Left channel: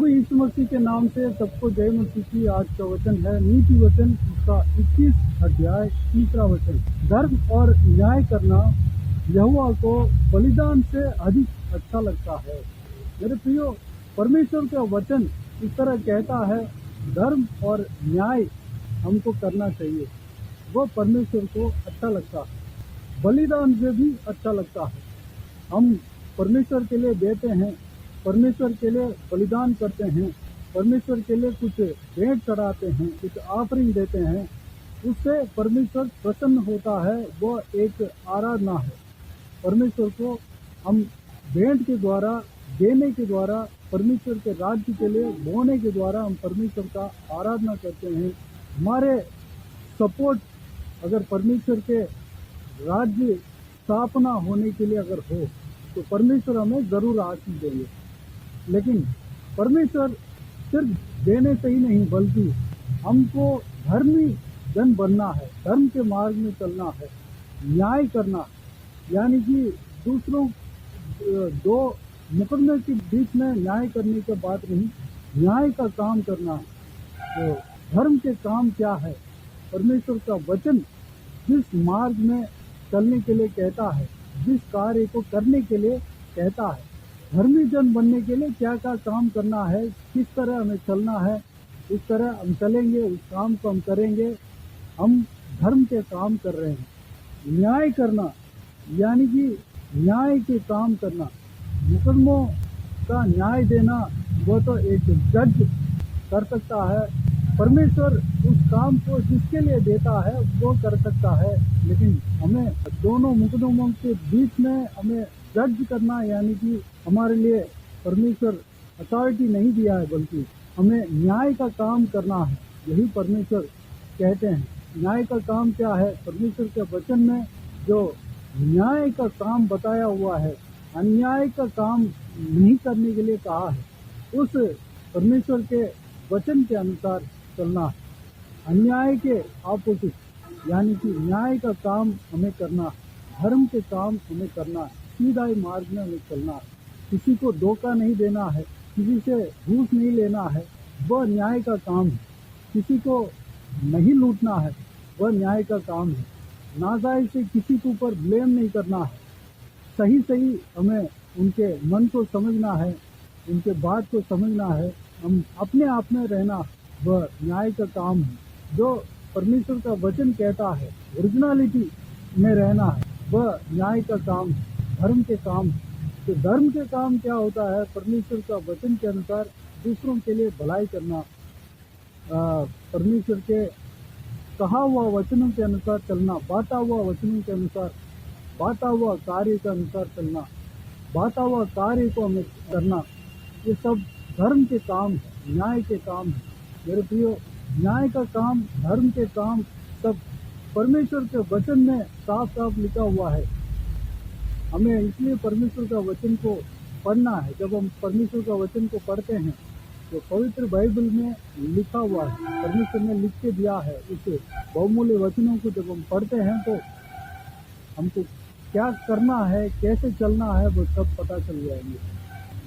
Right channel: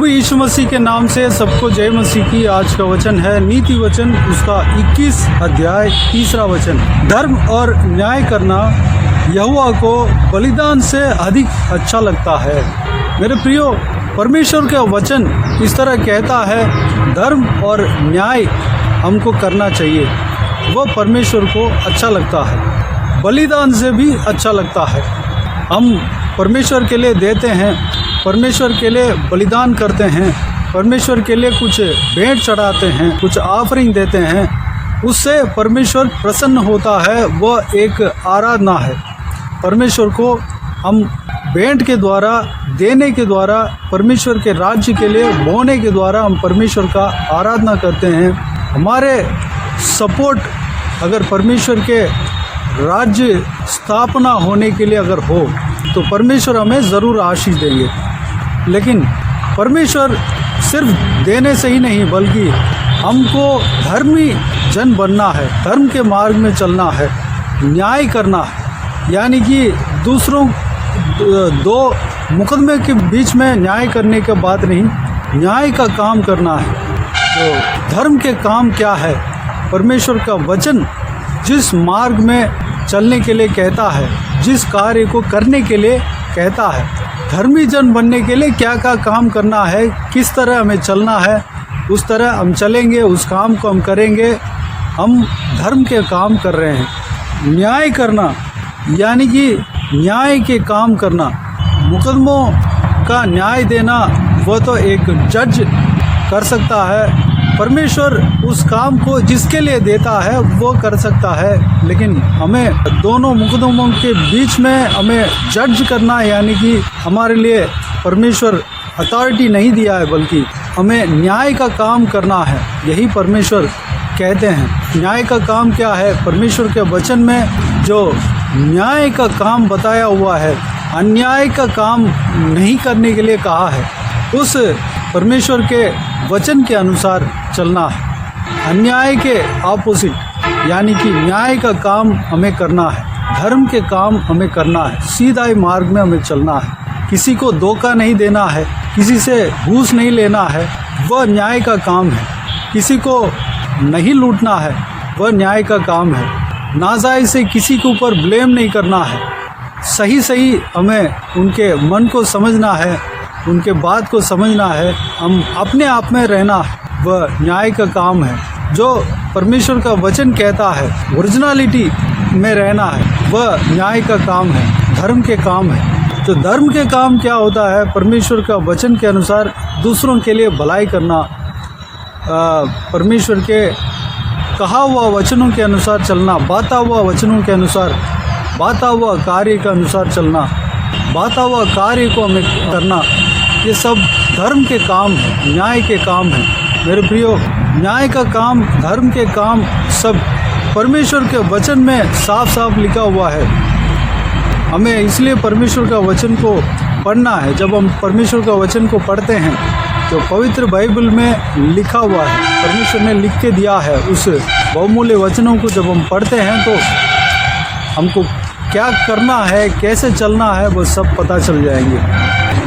प्रभु यीशु मसीह के नाम से सबको जय मसीह की। आज का वचन है नीति वचन उसका 21 अध्याय 3 वचन। धर्म और न्याय करना यहोवा को बलिदान से अधिक अच्छा लगता है। मेरे प्रियो, परमेश्वर का वचन इस तरह कहता है, धर्म और न्याय हमको करना चाहिए। वह परमेश्वर को अच्छा लगता है, बलिदान से भी अच्छा लगता है। हम परमेश्वर के लिए देते हैं, परमेश्वर के लिए बलिदान करते हैं, परमेश्वर के लिए कुछ भेंट चढ़ाते हैं, कुछ ऑफरिंग देते हैं, उससे परमेश्वर प्रसन्न होता है। वह एक आराधना है। परमेश्वर को हम भेंट के द्वारा, देने के द्वारा, परमेश्वर के राज्य के लिए बोने के द्वारा हम परमेश्वर का आराधना करते हैं। हमारे सपोर्ट अगर परमेश्वर के राज्य स्थापना होने के लिए अगर हो तो परमेश्वर हमें ज़रूर आशीष देंगे। लेकिन परमेश्वर सिर्फ देने से ही नहीं, बल्कि हमको धर्मी जन बनना है, धर्म के मार्ग में चलना है, न्याय करना है। यानी कि दूसरों दो मुकदमे के बीच में न्याय करने की बात नहीं, न्याय का काम करना है। तो धर्म के काम क्या है? परमेश्वर का वचन जिस मार्ग में चलने के लिए कहता है, जिस कार्य को करने के लिए कहता है, धर्मी जन बनने के लिए क्या क्या काम करना है, किस तरह हमें चलना है, उस तरह हम चलेंगे, उस काम को हम करेंगे। हम धर्म के काम कर रहे हैं। न्याय करना यानी कि न्याय के काम करना, मुकदमों का न्याय देना, वह तो एक जज कर सकता है। परमेश्वर उस काम को जिसके लिए देता है वो कर सकता है। लेकिन हमें दोनों मुकदमों के बीच में हमें जज करना, यानी कि हमारे लिए परमेश्वर अथॉरिटी नहीं दिया है, बल्कि हमें न्याय का काम करना है। यही परमेश्वर कहते हैं। न्याय का काम क्या है? परमेश्वर के वचन में जो न्याय का काम बताया हुआ है, अन्याय का काम नहीं करने के लिए कहा है, उस परमेश्वर के वचन के अनुसार चलना है। अन्याय के ऑपोजिट यानी कि न्याय का काम हमें करना है, धर्म के काम हमें करना है, सीधा मार्ग में हमें चलना है। किसी को धोखा नहीं देना है, किसी से घूस नहीं लेना है, वह न्याय का काम है। किसी को नहीं लूटना है, वह न्याय का काम है। नाजायज से किसी के ऊपर ब्लेम नहीं करना है। सही सही हमें उनके मन को समझना है, उनके बात को समझना है, हम अपने आप में रहना है, वह न्याय का काम है। जो परमेश्वर का वचन कहता है, ओरिजिनलिटी में रहना है, वह न्याय का काम है, धर्म के काम है। तो धर्म के काम क्या होता है? परमेश्वर का वचन के अनुसार दूसरों के लिए भलाई करना, परमेश्वर के कहा हुआ वचनों के अनुसार चलना, बाता हुआ वचनों के अनुसार, बाता हुआ कार्य के अनुसार चलना, बाता हुआ कार्य को हमें करना, ये सब धर्म के काम है, न्याय के काम है। मेरे प्रियो, न्याय का काम, धर्म के काम सब परमेश्वर के वचन में साफ साफ लिखा हुआ है। हमें इसलिए परमेश्वर का वचन को पढ़ना है। जब हम परमेश्वर का वचन को पढ़ते हैं तो पवित्र बाइबल में लिखा हुआ है, परमेश्वर ने लिख के दिया है। उस बहुमूल्य वचनों को जब हम पढ़ते हैं तो हमको क्या करना है, कैसे चलना है, वो सब पता चल जाएंगे।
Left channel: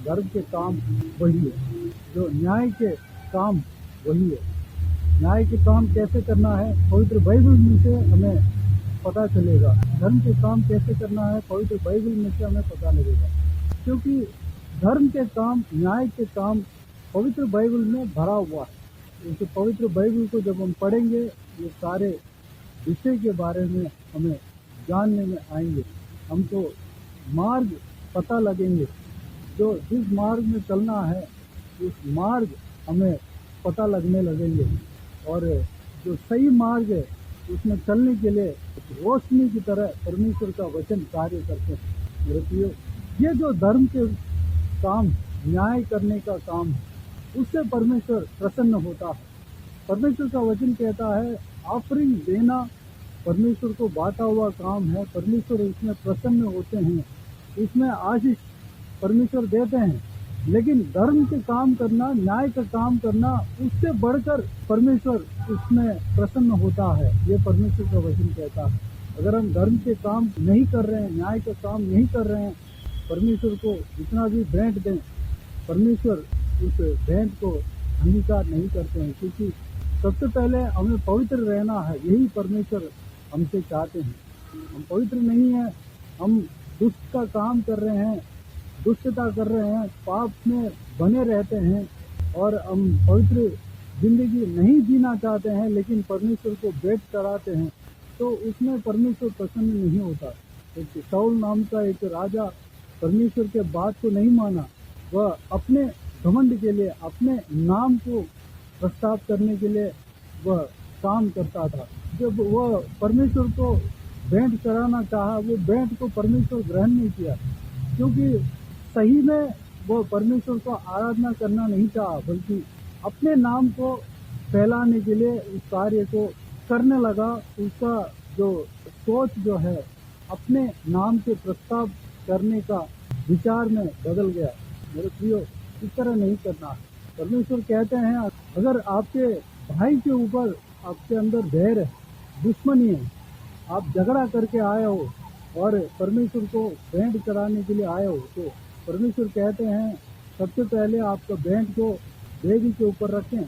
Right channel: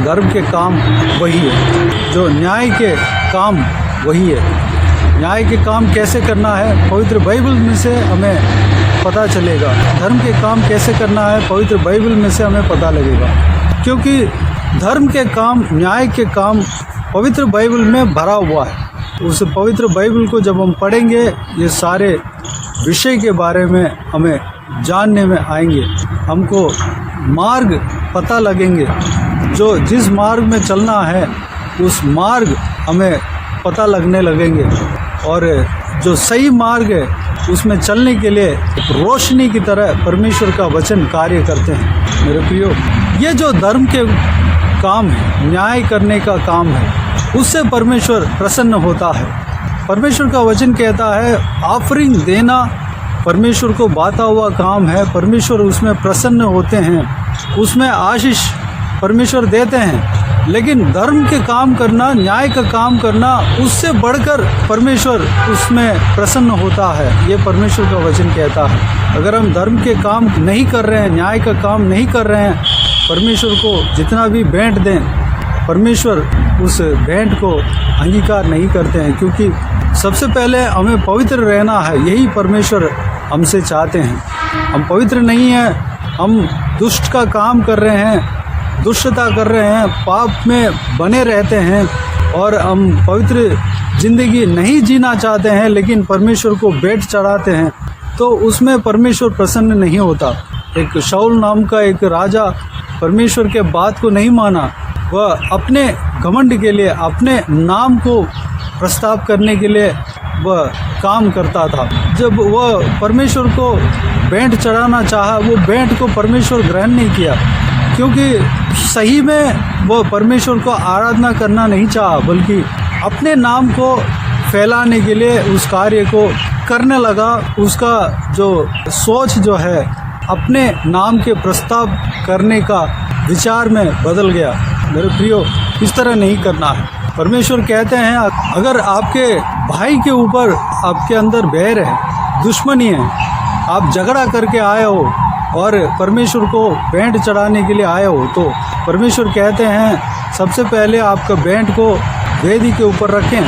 धर्म के काम वही है, जो न्याय के काम वही है। न्याय के काम कैसे करना है, पवित्र बाइबल में से हमें पता चलेगा। धर्म के काम कैसे करना है, पवित्र बाइबल में से हमें पता लगेगा। क्योंकि धर्म के काम, न्याय के काम पवित्र बाइबल में भरा हुआ है। उस पवित्र बाइबल को जब हम पढ़ेंगे, ये सारे विषय के बारे में हमें जानने में आएंगे, हमको मार्ग पता लगेंगे। जो जिस मार्ग में चलना है उस मार्ग हमें पता लगने लगेंगे, और जो सही मार्ग है उसमें चलने के लिए एक रोशनी की तरह परमेश्वर का वचन कार्य करते हैं। मेरे प्रियो, ये जो धर्म के काम है, न्याय करने का काम है, उससे परमेश्वर प्रसन्न होता है। परमेश्वर का वचन कहता है, ऑफरिंग देना परमेश्वर को बाता हुआ काम है। परमेश्वर उसमें प्रसन्न होते हैं, उसमें आशीष परमेश्वर देते हैं। लेकिन धर्म के काम करना, न्याय का काम करना, उससे बढ़कर परमेश्वर उसमें प्रसन्न होता है। ये परमेश्वर का वचन कहता है। अगर हम धर्म के काम नहीं कर रहे हैं, न्याय का काम नहीं कर रहे हैं, परमेश्वर को जितना भी भेंट दें, परमेश्वर उस भेंट को अंगीकार नहीं करते हैं, क्योंकि सबसे पहले हमें पवित्र रहना है। यही परमेश्वर हमसे चाहते हैं। हम पवित्र नहीं हैं, हम दुष्ट का काम कर रहे हैं, दुष्टता कर रहे हैं, पाप में बने रहते हैं और हम पवित्र ज़िंदगी नहीं जीना चाहते हैं, लेकिन परमेश्वर को भेंट चढ़ाते हैं, तो उसमें परमेश्वर प्रसन्न नहीं होता। एक शाऊल नाम का एक राजा परमेश्वर के बात को नहीं माना। वह अपने घमंड के लिए, अपने नाम को प्रस्ताव करने के लिए वह काम करता था। जब वह परमेश्वर को भेंट चढ़ाना चाहा, वो भेंट को परमेश्वर ग्रहण नहीं किया, क्योंकि सही में वह परमेश्वर को आराधना करना नहीं चाहा, बल्कि अपने नाम को फैलाने के लिए उस कार्य को करने लगा। उसका जो सोच जो है अपने नाम के प्रस्ताव करने का विचार में बदल गया। मेरे प्रियो, इस तरह नहीं करना है। परमेश्वर कहते हैं अगर आपके भाई के ऊपर आपके अंदर बैर है, दुश्मनी है, आप झगड़ा करके आए हो और परमेश्वर को भेंट चढ़ाने के लिए आए हो, तो परमेश्वर कहते हैं सबसे पहले आपका भेंट को वेदी के ऊपर रखें,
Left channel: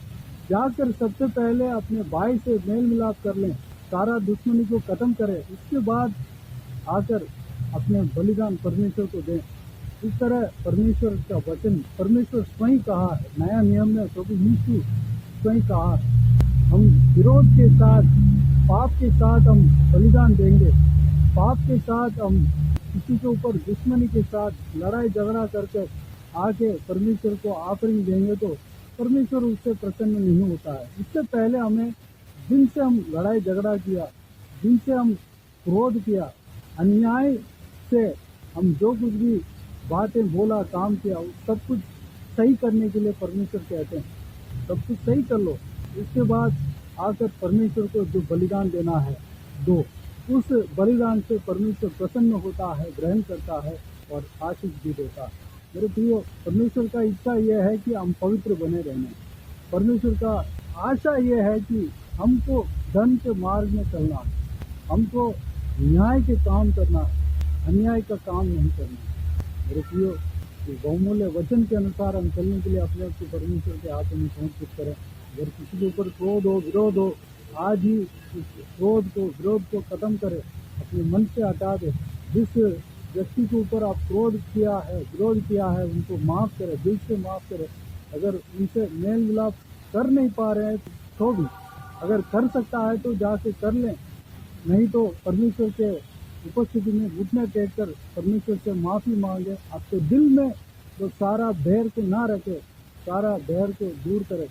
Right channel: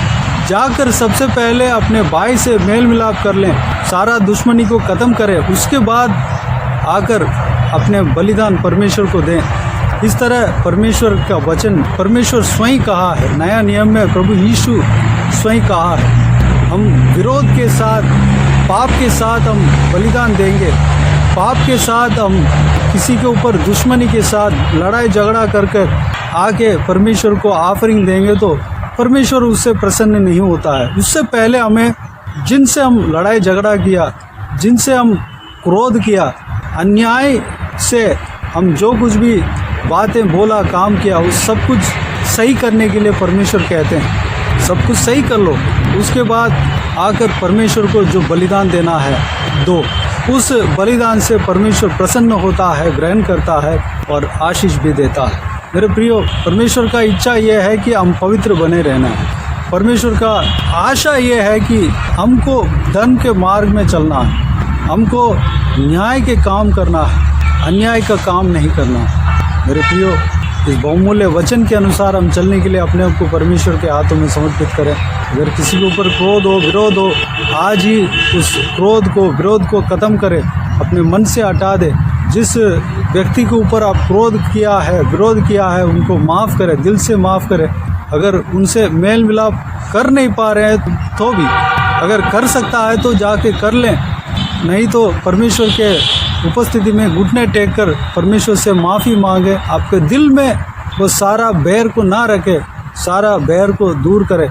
जाकर सबसे पहले अपने भाई से मेल मिलाप कर लें, सारा दुश्मनी को ख़त्म करें, उसके बाद आकर अपने बलिदान परमेश्वर को दें। इस तरह परमेश्वर का वचन परमेश्वर स्वयं कहा है। नया नियम में प्रभु यीशु स्वयं कहा है, हम विरोध के साथ, पाप के साथ हम बलिदान देंगे, पाप के साथ हम किसी के ऊपर दुश्मनी के साथ लड़ाई झगड़ा कर आके परमेश्वर को ऑफरिंग देंगे, तो परमेश्वर उससे प्रसन्न नहीं होता है। उससे पहले हमें जिनसे हम लड़ाई झगड़ा किया, जिनसे हम क्रोध किया, अन्याय से हम जो कुछ भी बातें बोला, काम किया, उस सब कुछ सही करने के लिए परमेश्वर कहते हैं सब कुछ सही कर लो, उसके बाद आकर परमेश्वर को जो बलिदान देना है दो। उस बलिदान से परमेश्वर प्रसन्न होता है, ग्रहण करता है और आशीष भी देता है। मेरे प्रियो, परमेश्वर का इच्छा ये है कि हम पवित्र बने रहना है। परमेश्वर का आशा ये है कि हमको धर्म के मार्ग में चलना है, हमको न्याय के काम करना है, अन्याय का काम नहीं करना है। मेरे प्रियो, इस बहुमूल्य वचन के अनुसार हम चलने के लिए अपने आप को परमेश्वर के हाथों में समर्पित करें। अगर किसी के ऊपर क्रोध हो, विरोध हो, आज ही उस क्रोध को, विरोध को ख़त्म करें, अपने मन से हटा दें। जिस व्यक्ति के ऊपर आप क्रोध किया है, विरोध किया है, उनको माफ़ करें, दिल से माफ़ करें। अगर उनसे मेल मिलाप कर नहीं पा रहे हैं तो भी, अगर कर सकता है तो जाके कर लें, नहीं तो परमेश्वर के उपस्थिति में घुटने टेक कर परमेश्वर से माफ़ी मांगे। आपके दिल में वो सारा बैर को ना रखे, सारा बैर को दूर करें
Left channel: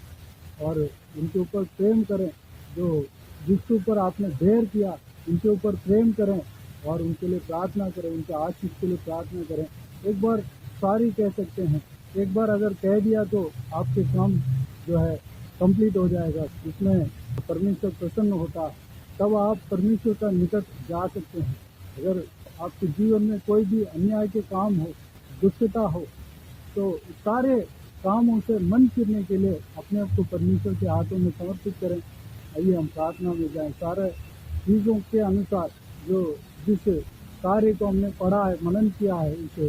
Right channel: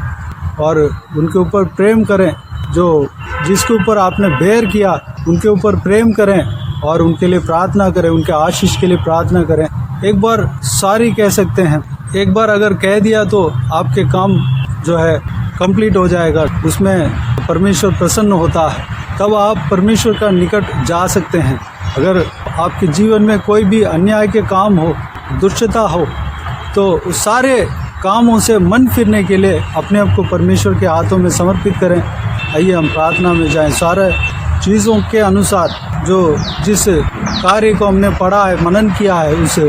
और उनके ऊपर प्रेम करें। जो जिसके ऊपर आपने बैर किया उनके ऊपर प्रेम करें और उनके लिए प्रार्थना करें, उनके आशीष के लिए प्रार्थना करें। एक बार सॉरी कह सकते हैं, एक बार अगर कह दिया तो आपके काम जो है कंप्लीट हो जाएगा, उसमें परमेश्वर प्रसन्न होता है, तब आप परमेश्वर का निकट जा सकते हैं। अगर आपके जीवन में कोई भी अन्याय के काम हो, दुष्टता हो, तो उस सारे कामों से मन फिरने के लिए अपने आप को परमेश्वर के हाथों में समर्पित करें। आइए हम प्रार्थना में जाएं। सारे चीज़ों के अनुसार जो जिस कार्य को हमने पढ़ा है, मनन किया है, उस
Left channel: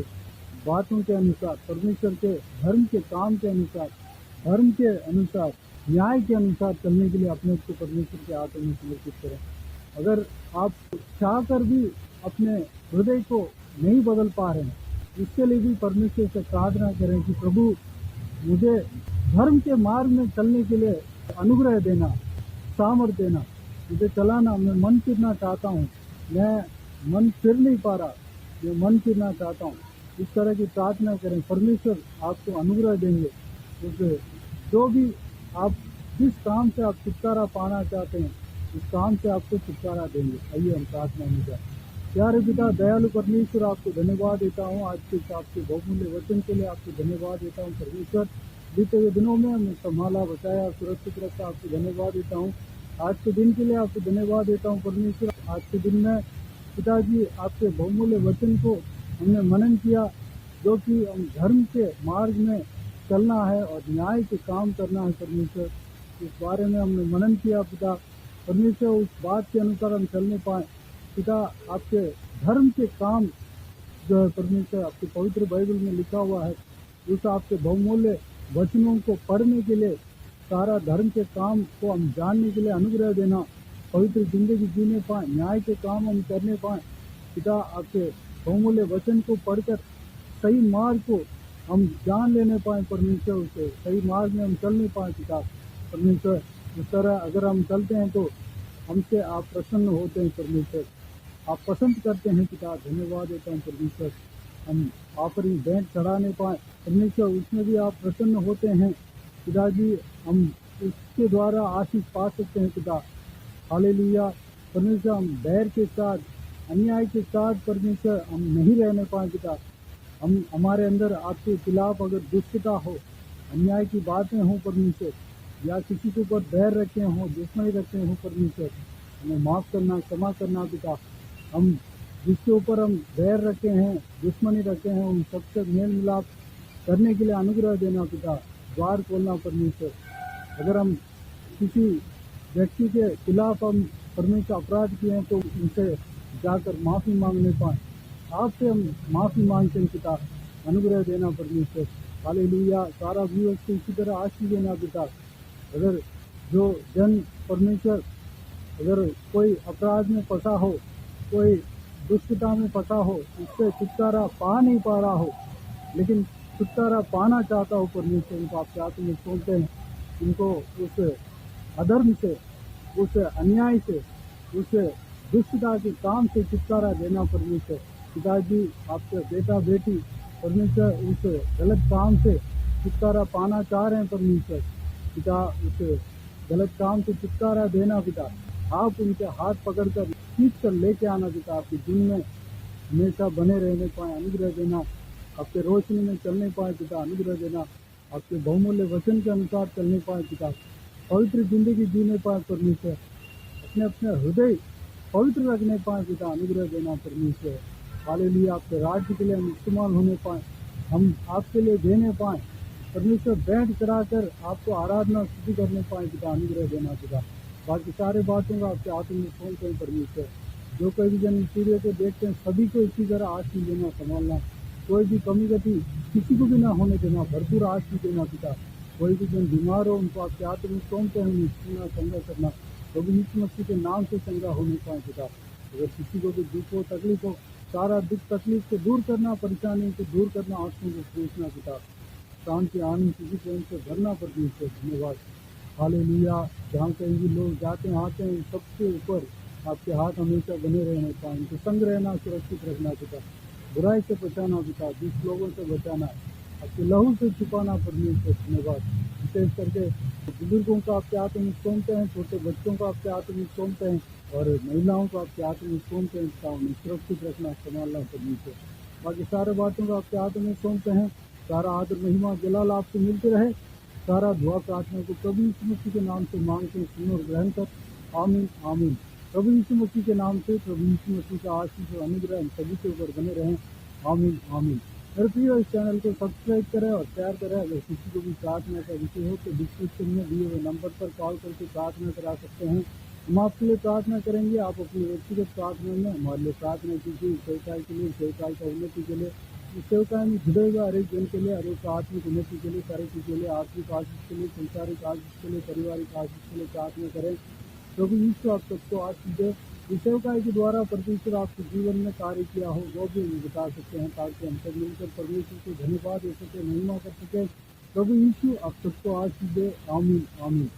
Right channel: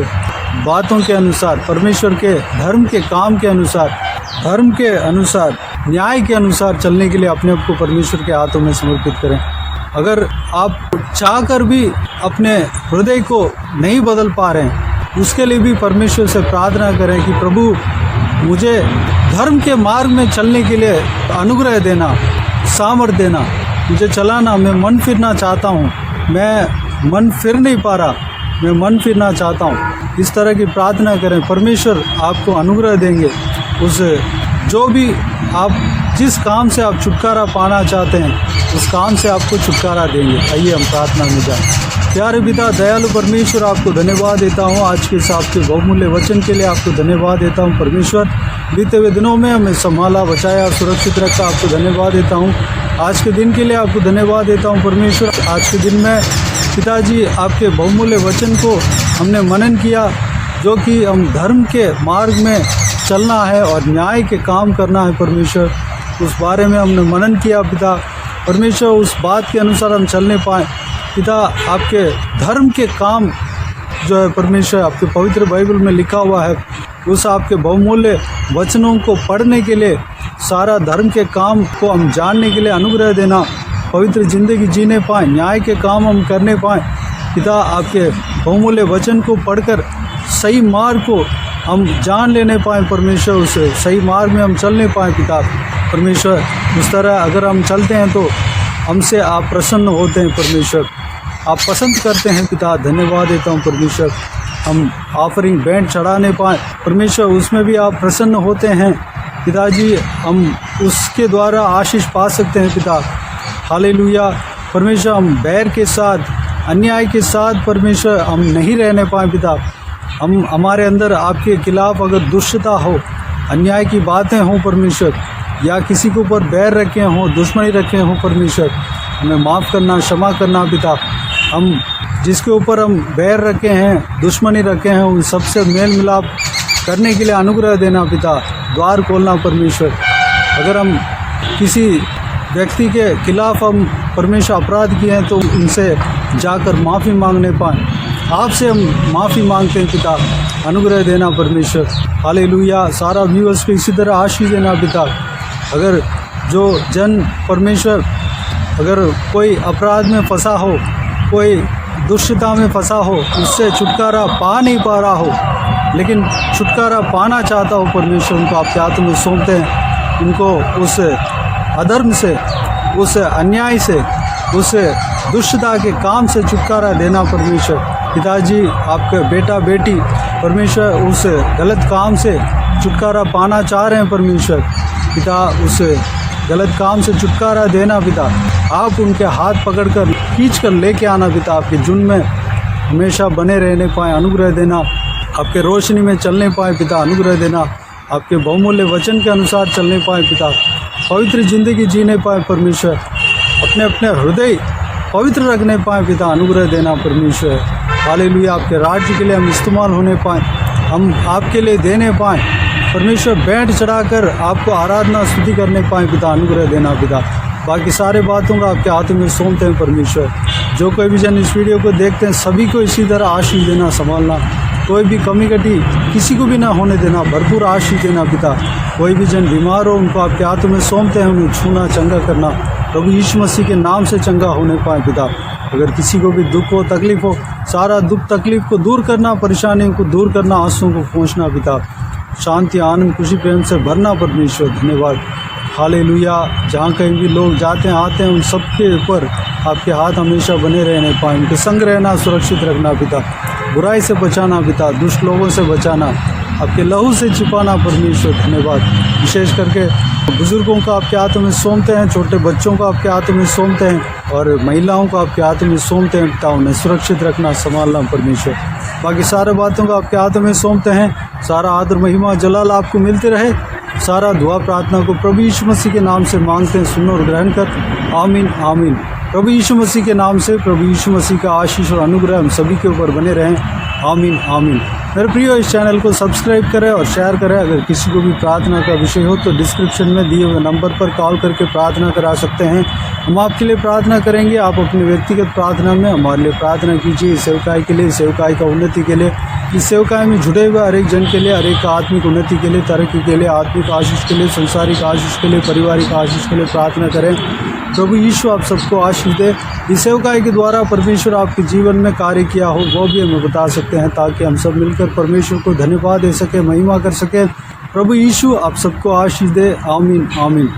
बातों के अनुसार, परमेश्वर के धर्म के काम के अनुसार, धर्म के अनुसार, न्याय के अनुसार चलने के लिए अपने आप को परमेश्वर के हाथों में समर्पित करें। अगर आप चाहकर भी अपने हृदय को नहीं बदल पा रहे हैं, उसके लिए भी परमेश्वर से प्रार्थना करें कि प्रभु मुझे धर्म के मार्ग में चलने के लिए अनुग्रह देना, सामर्थ्य देना, मुझे चलाना। मैं मन फिरना चाहता हूँ, मैं मन फिर नहीं पा रहा, मैं मन फिरना चाहता हूँ। इस तरह की प्रार्थना करें, परमेश्वर आपको अनुग्रह देंगे। उस जो भी आप जिस काम से आप छुटकारा पाना चाहते हैं, उस काम से आपको छुटकारा देंगे। आइए हम प्रार्थना में जाएं। प्यारे पिता, दयालु परमेश्वर, आपको धन्यवाद देता हूँ आज के साथ के बहुमूल्य वचन के लिए। आपको धन्यवाद देता हूँ परमेश्वर, बीते हुए दिनों में हमें संभाला, बचाया, सुरक्षित रखा। आपको धन्यवाद देता हूँ आज के दिन के लिए। आपको धन्यवाद देता हूँ परमेश्वर। आज के दिन में पिताजी आपके बहुमूल्य वचन को हमने मनन किया, जो कि हम धर्म के मार्ग में चलना है और न्याय के काम करना है परमेश्वर। उस बारे में हमने मनन किया पिता परमेश्वर। उस बात के अनुसार हम चलने पाएँ पिता। आपके धर्म के काम जो है परमेश्वर, आपके पवित्र बाइबल में लिखा हुआ है, उस आपके बहुमूल्य वचनों को पढ़ने के लिए, सारा धर्म के काम को हम जानने के लिए अनुग्रह देना, पवित्र ज़िंदगी जीने पाएँ, न्याय के काम हम करने पाएँ। पिता, आपके बहुमूल्य वचन को पढ़कर सही मार्ग को हम जान लेने पाएँ परमेश्वर, उस सही मार्ग में हम चलने पाएँ पिता परमेश्वर। उस तरह अगर हम चलते हैं तो हमसे आप प्रसन्न होते हैं परमेश्वर, आप पसंद करते हैं पिता। धन्यवाद देता हूँ परमेश्वर, हम ऑफरिंग बैंड चढ़ाने पाएँ परमेश्वर, उसमें भी आप प्रसन्न होते हैं पिताजी, हम उसके द्वारा आशीष पा सकते हैं पिता। हालेलुया परमेश्वर, हम बैर के साथ, अन्याय के साथ परमेश्वर हम नहीं रहने पाएँ पिता। हम हमारे अंदर आपके खिलाफ़ अगर दुष्टता हो, अन्याय की बातें हों परमेश्वर, या किसी के ऊपर बैर रखे हों, दुश्मनी रखे हों परमेश्वर, हमें माफ़ करना, क्षमा करना पिता। हम जिसके ऊपर हम बैर रखे हैं, दुश्मनी रखे हैं, उन सबसे मेल मिलाप करने के लिए अनुग्रह देना पिता, द्वार खोलना परमेश्वर। अगर हम किसी व्यक्ति के खिलाफ़ हम परमेश्वर अपराध किए हैं तो उनसे जाकर माफ़ी मांगने पाएँ, आपसे हम माफ़ी मांगते हैं पिता, अनुग्रह देना परमेश्वर। हालेलुया, सारा व्यूअर्स को इसी तरह आशीष देना पिता। अगर जो जन परमेश्वर, अगर कोई अपराध में फंसा हो, कोई दुष्टता में फंसा हो, उससे छुटकारा पा नहीं पा रहा हो, लेकिन छुटकारा पाना चाहता हो परमेश्वर, उनको आपके हाथों में सौंपते हैं। उनको उस अधर्म से, उस अन्याय से, उस दुष्टता के काम से छुटकारा देना परमेश्वर। पिताजी, आपके बेटा बेटी परमेश्वर उस गलत काम से छुटकारा पाना चाह रहे हैं परमेश्वर पिता, उस गलत काम से छुटकारा देना पिता। आप उनके हाथ पकड़कर खींच कर लेके आना पिता, आपके जुन में हमेशा बने रहने पाएँ, अनुग्रह देना। आपके रोशनी में चलने पाएँ पिता, अनुग्रह देना। आपके बहुमूल्य वचन के अनुसार चलने पाएँ पिता, पवित्र ज़िंदगी जीने पाएँ परमेश्वर, अपने अपने हृदय पवित्र रखने पाएँ पिता, अनुग्रह देना परमेश्वर। हालेलुया, आपके राज्य के लिए हम इस्तेमाल होने पाएँ, हम आपके लिए देने पाएँ परमेश्वर, बैंड चढ़ाकर आपको आराधना स्तुति करने पाएँ पिता, अनुग्रह देना पिता। बाकी सारे बातों का आपके हाथों में सौंपते हैं परमेश्वर। जो कोई भी जन इस वीडियो को देखते हैं सभी को इसी तरह आशीष देना, संभालना, कोई भी कमी कटी किसी को भी ना होने देना, भरपूर आशीष देना पिता। कोई भी जन बीमार हो उनको आपके हाथों में सौंपते हैं, उन्हें छूना, चंगा करना, प्रभु यीशु मसीह के नाम से चंगा होने पाए पिता। अगर किसी को भी दुख हो, तकलीफ हो, सारा दुख तकलीफ को दूर करना, परेशानियों को दूर करना, आंसुओं को पहुँचना पिता, शांति, आनंद, खुशी, प्रेम से भरना परमेश्वर। धन्यवाद। हालेलुया, जहाँ कहीं भी लोग जाते हैं आते हैं उन सबके ऊपर आपके हाथ हमेशा बने रहने पाएँ, उनके संग रहना, सुरक्षित रखना पिता, बुराई से बचाना पिता, दुष्ट लोगों से बचाना, आपके लहू से छिपाना परमेश्वर। धन्यवाद। विशेष करके बुजुर्गों को आपके हाथों में सौंपते हैं, छोटे बच्चों को आपके हाथों में सौंपते हैं और महिलाओं को आपके हाथों में सौंपते हैं पिता, उन्हें सुरक्षित रखना, संभालना परमेश्वर। बाकी सारे बातों को आपके हाथों में सौंपते हैं। सारा आदर, महिमा, जलाल आपको मिलते रहे। सारा दुआ प्रार्थना को प्रभु यीशु मसीह के नाम से मांगते हैं, सुनो और ग्रहण कर। आमीन आमीन। प्रभु यीशु मसीह के नाम से प्रभु यीशु मसीह का आशीष और अनुग्रह हम सभी के ऊपर बने रहें। आमीन आमीन। मेरे प्रियो, इस चैनल को सब्सक्राइब करें और शेयर करें। अगर किसी को भी प्रार्थना का विषय हो तो डिस्क्रिप्शन में दिए हुए नंबर पर कॉल करके प्रार्थना करा सकते हैं। हम आपके लिए प्रार्थना करेंगे। आप अपनी व्यक्तिगत प्रार्थना में हमारे लिए प्रार्थना कीजिए, इस सेवकाई के लिए, सेवकाई का उन्नति के लिए, इस सेवकाई में जुड़े हुए हर एक जन के लिए, हर एक आत्मिक उन्नति के लिए, तरक्की के लिए, आत्मिक आशीष के लिए, संसारिक आशीष के लिए, पारिवारिक आशीष के लिए प्रार्थना करें। प्रभु यीशु आप सबको आशीष दे। इस सेवकाई के द्वारा परमेश्वर आपके जीवन में कार्य किया हो वो भी हमें बता सकते हैं, ताकि हम सब मिलकर परमेश्वर को धन्यवाद दे सके, महिमा कर सके। प्रभु यीशु आप सबको आशीष दे। आमीन आमीन।